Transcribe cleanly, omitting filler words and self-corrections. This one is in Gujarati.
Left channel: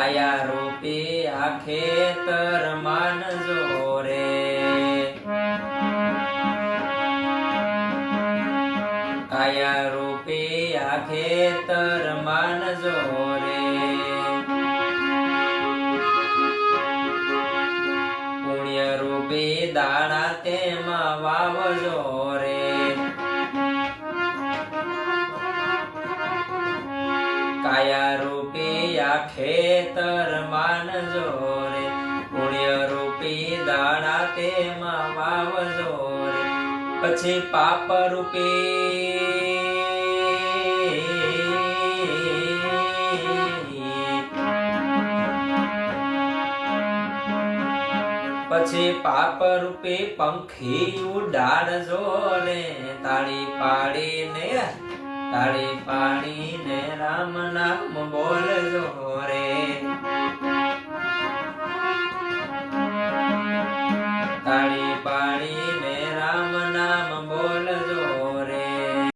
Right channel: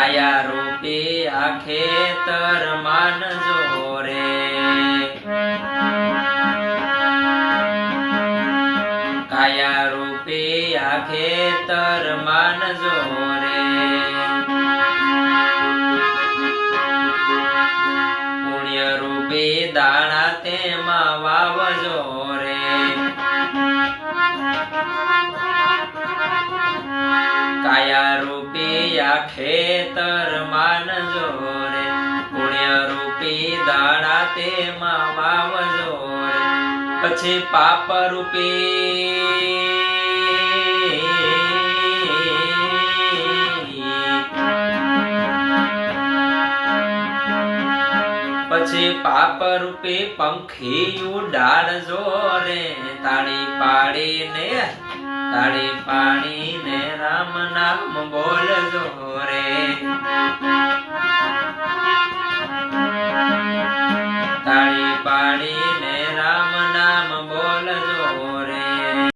કાયા રૂપી આ ખેતર માનજો રે કાયા રૂપી આ ખેતર માનજો રે પુણ્ય રૂપી દાણા તેમાં વાવજો રે કાયા રૂપી આ ખેતર માનજો રે પુણ્ય રૂપી દાણા તેમાં વાવજો રે પછી પાપ રૂપી પછી પાપ રૂપી પંખી ઉડાડજો રે તાળી પાડીને રામ નામ બોલજો રે તાળી પાડી